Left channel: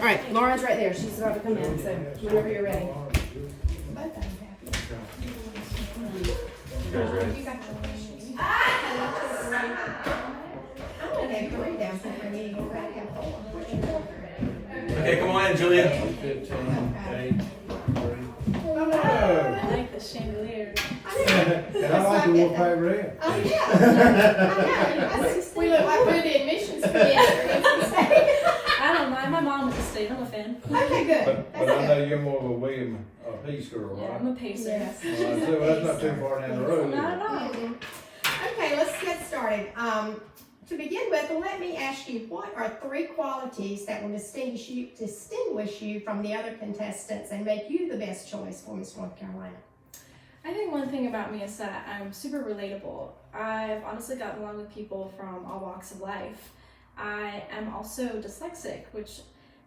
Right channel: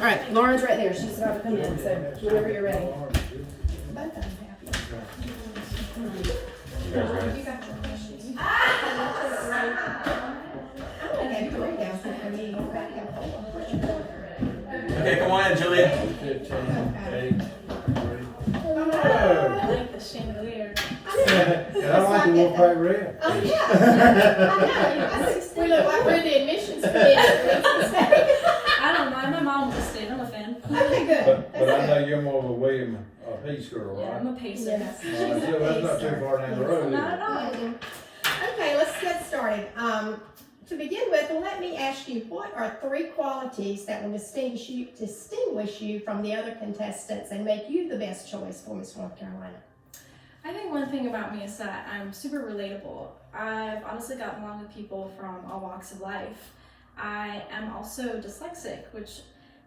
All right, Lauren's right there. She's about to come in, so whenever you're ready. Okay, come on in, Julia. 15, 8, 3. I like the chandelier. And I like the Wolfpack Red. Oh, yeah. I know. We look like we're the admissions committee. I don't mind. My mom was a state. I'm a fan. Okay, good. But I know you're more of a William Peace girl, Yeah, right? I'm a pacer. Yes. So that's not too far down the road. Not at all. Okay, let's get started. To begin with, let me ask you, what are 3 qualities that will distinguish you from the other contestants and make you the best choice for Miss North Carolina? I think one thing about me is that I'm super relatable. I've honestly gotten along with people from all walks of life. I am also dyslexic, which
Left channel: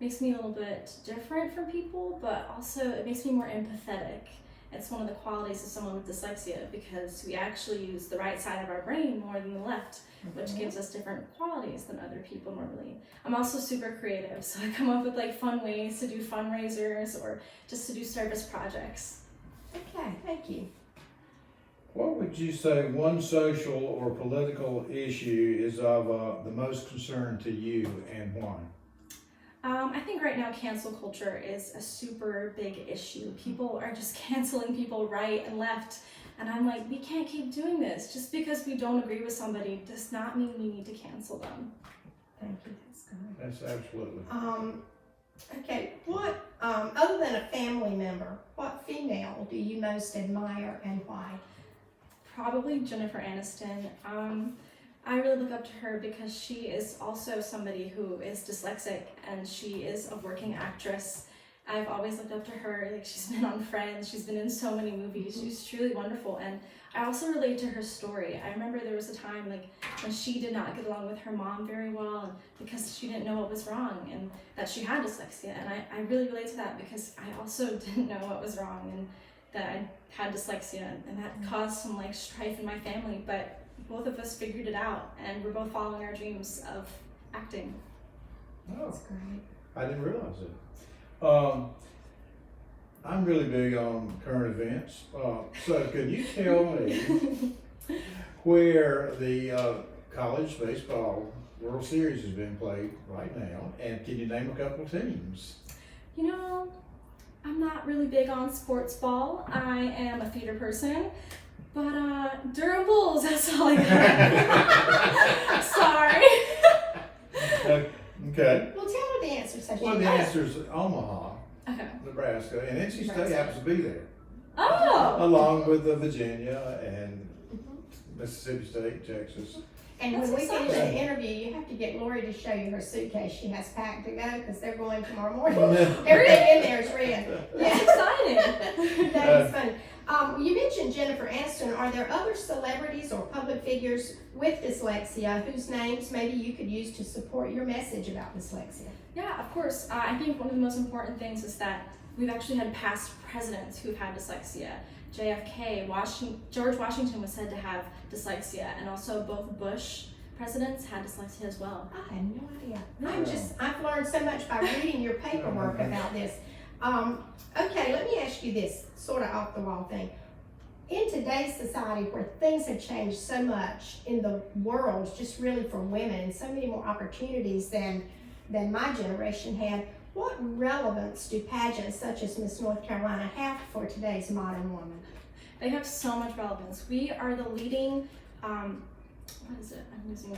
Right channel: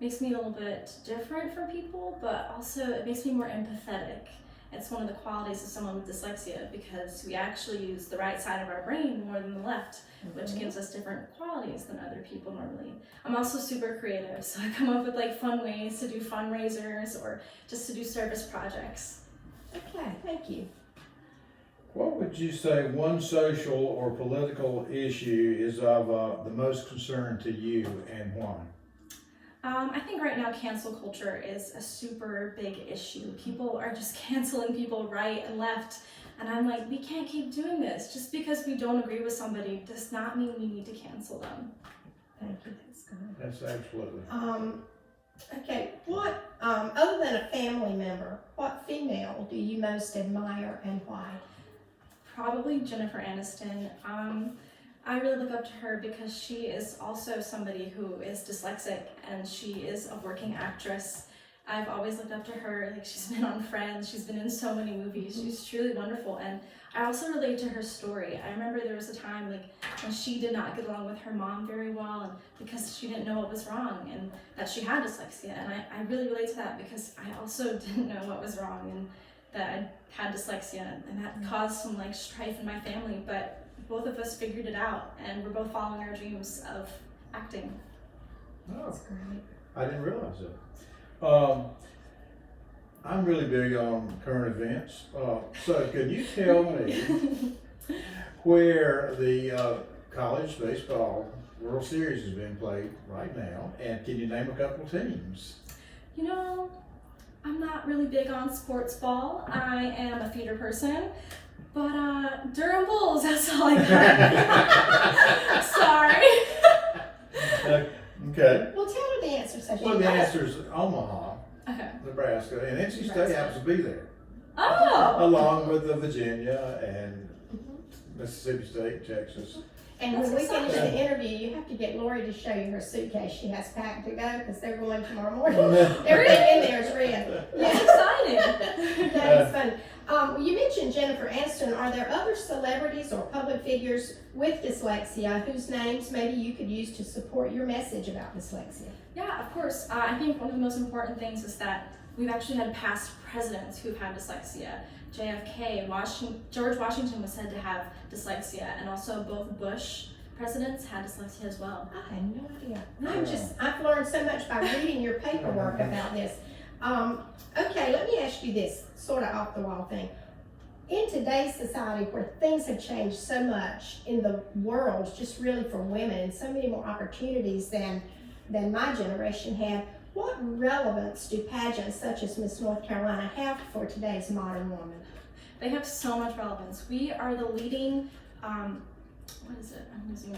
makes me a little bit different from people, but also it makes me more empathetic. It's one of the qualities of someone with dyslexia because we actually use the right side of our brain more than the left, which gives us different qualities than other people normally. I'm also super creative, so I come up with like fun ways to do fundraisers or just to do service projects. Okay, thank you. What would you say one social or political issue is of the most concern to you and why? I think right now cancel culture is a super big issue. People are just canceling people right and left. And I'm like, we can't keep doing this. Just because we don't agree with somebody does not mean we need to cancel them. Thank you. That's good. That's absolutely. Okay, what, other than a family member, what female do you most admire and why? Probably Jennifer Aniston. I really look up to her because she is also somebody who is dyslexic and she is a working actress. I've always looked up to her. Like, she's been on Friends, she's been in so many movies. She's truly wonderful, and I also relate to her story. I remember there was a time like when she did not get along with her mom very well, and because she didn't know what was wrong and that she had dyslexia. And I really relate to that because I also didn't know what was wrong and that I had dyslexia, and that caused some like strife in my family. But both of us figured it out, and we're both following our dreams of acting. Oh, That's great. I didn't realize that. I'm really big on current events. So could you tell me where the college baseball World Series is being played right now, and can you name a couple of teams? You know, I'm not really big on sports ball. I am a theater person, but Durham Bulls, that's all I got. Sorry. Okay. Well, tell her the answer so she Well, the knows. answer is Omaha, Okay. Nebraska, and NC State Nebraska. happens to be there, Oh! along with Virginia and Mississippi State, Texas. And when we That's finish exciting. the interview, you have to get Lori to show you her suitcase she has packed to go because they're going tomorrow morning. Well, Everything in there is red. That's Yeah, exciting. that is funny. You mentioned Jennifer Aniston. Are there other celebrities or public figures with dyslexia whose names maybe you could use to support your message about dyslexia? Yeah, of course. I think one of the most important things is that we've actually had past presidents who've had dyslexia. JFK, George Washington was said to have dyslexia, and also both Bush presidents had dyslexia as well. I had no idea. I've learned so much by reading your paperwork about this. Okay, let me ask you this sort of off the wall thing. In today's society where things have changed so much in the world, just really for women, and so many more opportunities than my generation had, what relevance do pageants such as Miss North Carolina have for today's modern woman? They have so much relevance. We are the leading,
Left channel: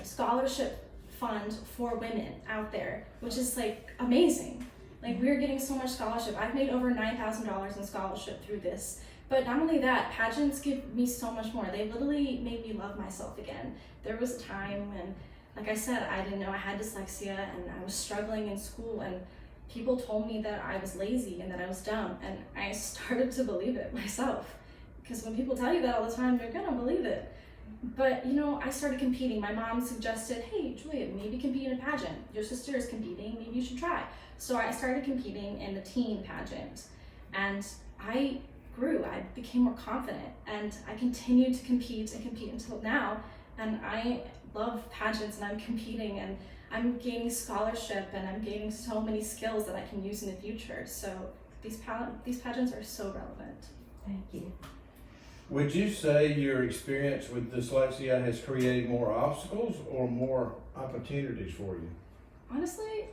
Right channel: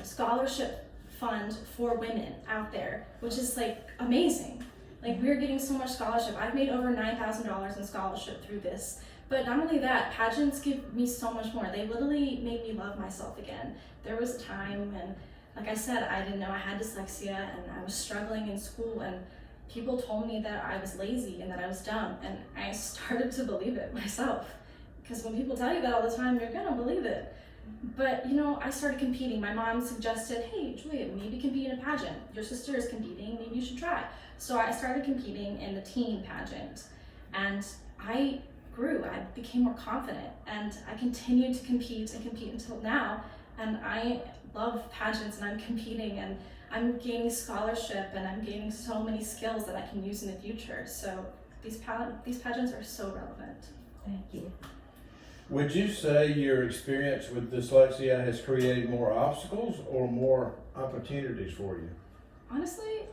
scholarship fund for women out there, which is like amazing. Like, we're getting so much scholarship. I've made over $9,000 in scholarship through this. But not only that, pageants give me so much more. They literally made me love myself again. There was a time when, like I said, I didn't know I had dyslexia and I was struggling in school, and people told me that I was lazy and that I was dumb, and I started to believe it myself. Because when people tell you that all the time, you're gonna believe it. But, you know, I started competing. My mom suggested, hey, Julia, maybe compete in a pageant. Your sister is competing, maybe you should try. So I started competing in the teen pageant, and I grew. I became more confident, and I continued to compete until now. And I love pageants, and I'm competing, and I'm gaining scholarship and I'm gaining so many skills that I can use in the future. So these pageants are so relevant. Thank you. Would you say your experience with dyslexia has created more obstacles or more opportunities for you? Honestly,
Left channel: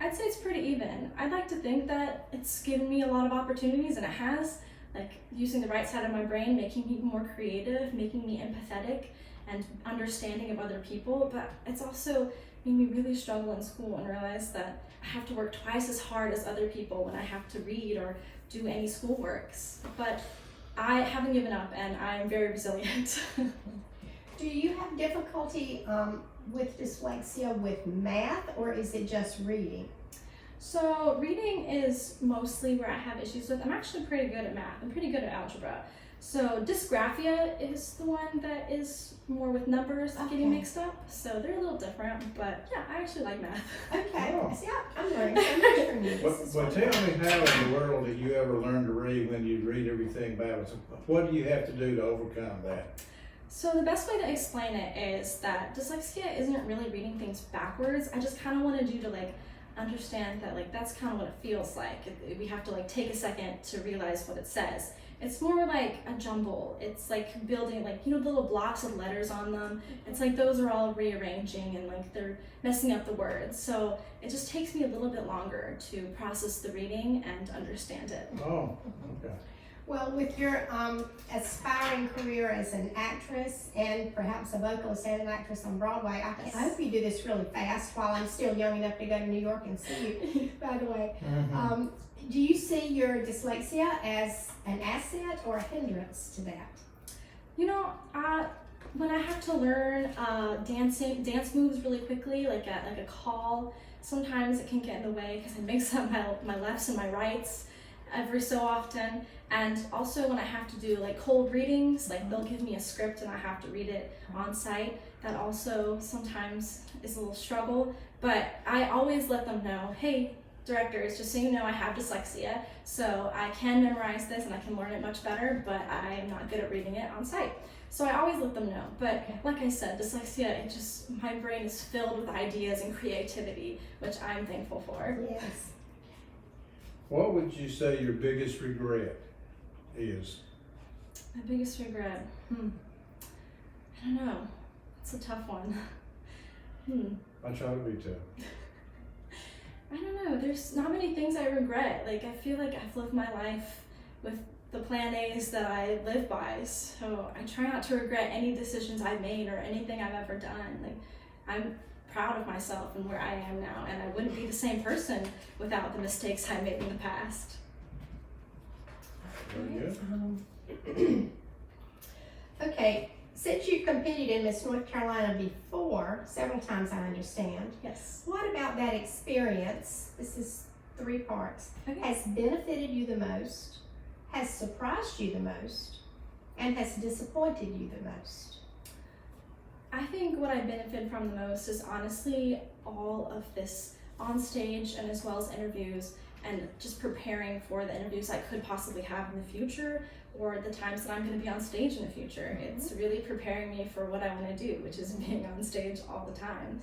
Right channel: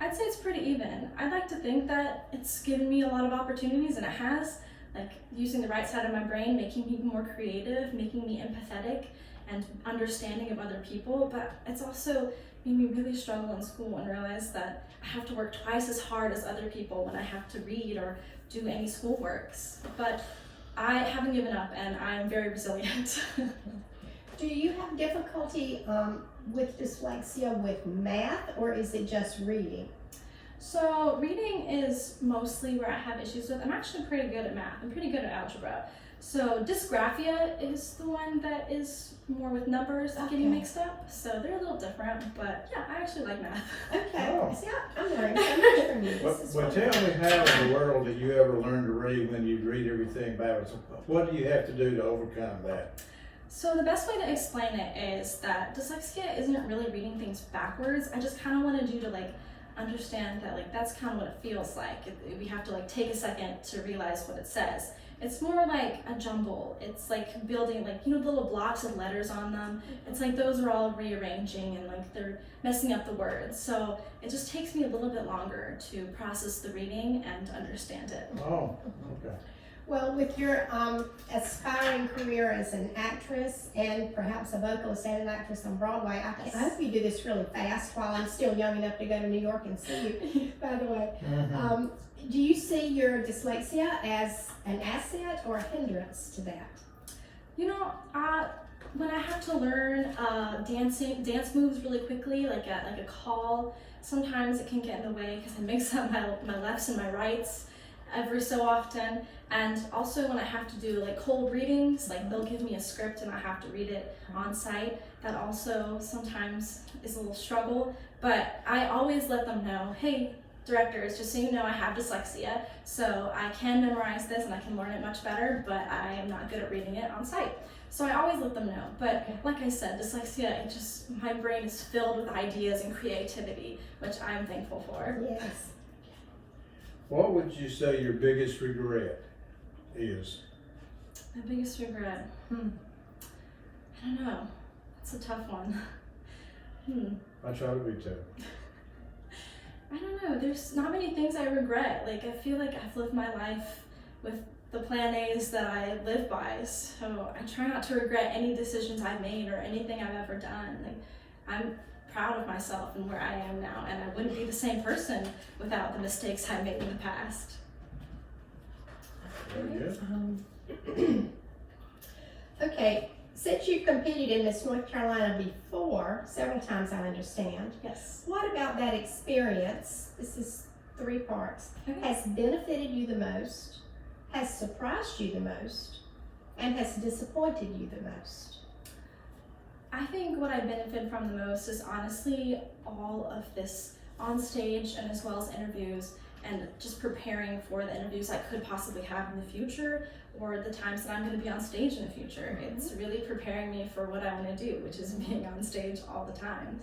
I'd say it's pretty even. I'd like to think that it's given me a lot of opportunities, and it has, like using the right side of my brain, making me more creative, making me empathetic and understanding of other people, but it's also made me really struggle in school and realize that I have to work twice as hard as other people when I have to read or do any schoolworks. But I haven't given up and I'm very resilient. Do you have difficulty with dyslexia with math, or is it just reading? So reading is mostly where I have issues with. I'm actually pretty good at math. I'm pretty good at algebra. So dysgraphia is the one that is more with numbers and getting Okay. mixed up. So they're a little different, but yeah, I actually like math. Okay. Oh. See, I'm learning so much from you. But, This is but tell me how in the world did you ever learn to read when you read everything backwards? What do you have to do to overcome that? So the best way to explain it is that dyslexia isn't really reading things backwards. I just kind of wanted you to like understand that like that's kind of what it feels like. We have to like take a second to realize what it says. It's more like a jumble. It's like building like, you know, little blocks of letters on them. It's like those are all rearranging and like they're messing up the words. So it just takes me a little bit longer to process the reading and understand it. Oh, okay. Well, with your aspiring career as an actress and perhaps a vocalist and an actress on Broadway, I hope you do this really fast while I'm still young enough to go to New York and see you, by the way. Mm-hmm. Do you see your dyslexia as an asset or a hindrance to that? You know, when I have to learn dance moves really quickly, like a call, sometimes it can get in the way because I mix up my lefts and my rights every so often. And also when I have to do like cold readings, like they'll give me a script and I have to read it on site. That also sometimes is a little struggle, but I always let them know, hey, directors, just so you know, I have dyslexia, so I can memorize this and I can learn it much better, but I am not good at reading it on site. So I always let them know. But like I said, dyslexia, my brain is filled with ideas and creativity, which I'm thankful for. Yes. What would you say your biggest regret is? My biggest regret, I don't know. It's a tough one. I try to be tough. I don't know. There's not many things I regret. Like, I feel like I've lived my life with the plan A's that I live by. So I try not to regret any decisions I've made or anything I've ever done. Like, I'm proud of myself and where I am now, and I wouldn't be the same person without the mistakes I made in the past. Very good. Okay, since you've competed in Miss North Carolina before, several times I understand, Yes. what about that experience, this is 3 parts, Okay. has benefited you the most, has surprised you the most, and has disappointed you the most? I think what I benefit from the most is honestly all of this on stage and as well as interviews and just preparing for the interviews I could possibly have in the future or the times that I'm going to be on stage in the future. It's really preparing me for what I want to do, which is being on stage all the time.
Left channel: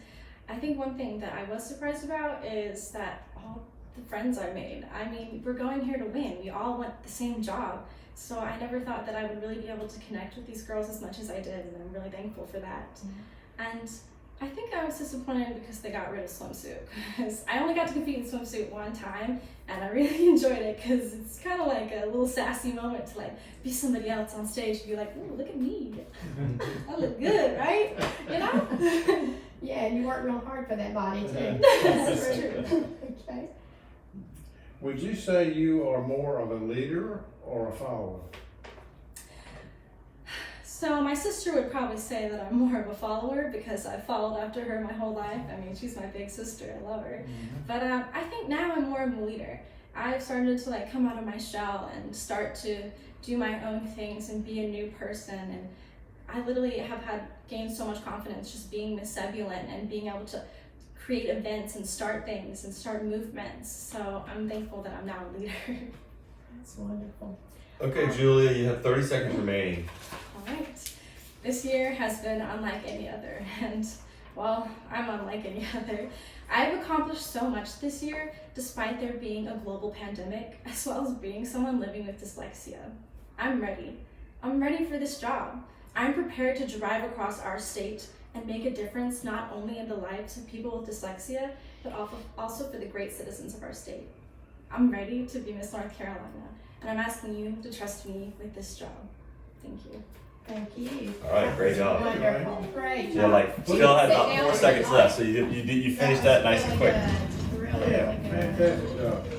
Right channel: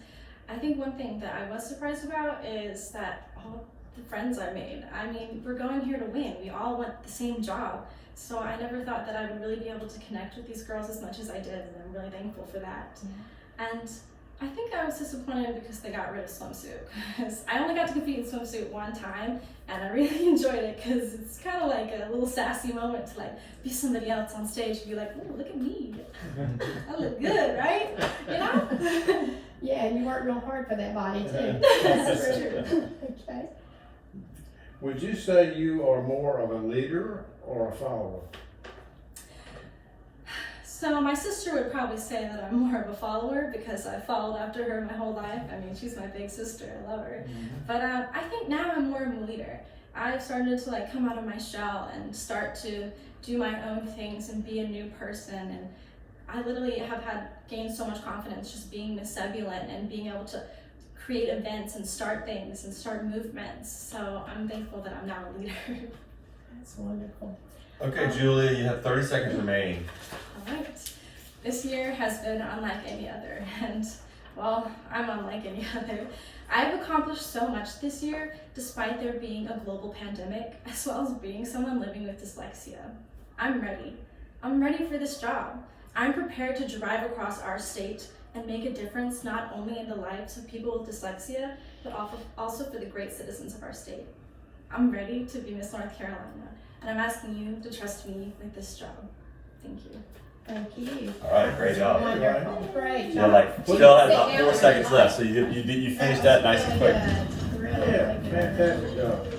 I think one thing that I was surprised about is that all the friends I made, I mean, we're going here to win. We all want the same job. So I never thought that I would really be able to connect with these girls as much as I did, and I'm really thankful for that. And I think I was disappointed because they got rid of swimsuit. Because I only got to compete in swimsuit one time, and I really enjoyed it because it's kind of like a little sassy moment to like be somebody else on stage and be like, "Ooh, look at me! I look good, right?" You know? Yeah, and you worked real hard for that body too. That's true. Okay. Would you say you are more of a leader or a follower? So my sister would probably say that I'm more of a follower because I followed after her my whole life. I mean, she's my big sister. I love her. But I think now I'm more of a leader. I've started to like come out of my shell and start to do my own things and be a new person. And I literally have gained so much confidence just being Miss Zebulon and being able to create events and start things and start movements. So I'm thankful that I'm now a leader. That's wonderful. Okay, Julia, you have 30 seconds remaining. All right. This year has been unlike any other, and well, I'm unlike any other. I've accomplished so much this year, despite there being a global pandemic, as well as being someone living with dyslexia. I'm ready. I'm ready for this job. I'm prepared to drive across our state and make a difference not only in the lives of people with dyslexia, but also for the great citizens of our state. I'm ready to be Miss North Carolina, and I'm asking you to trust me with this job. Thank you. Thank you. All right, great job. Wonderful, great Yeah, job. like You still can had sit about down 4 if seconds you left, like. so you finished that nice and quick. Really good. Really, Yeah, really good. fantastic job.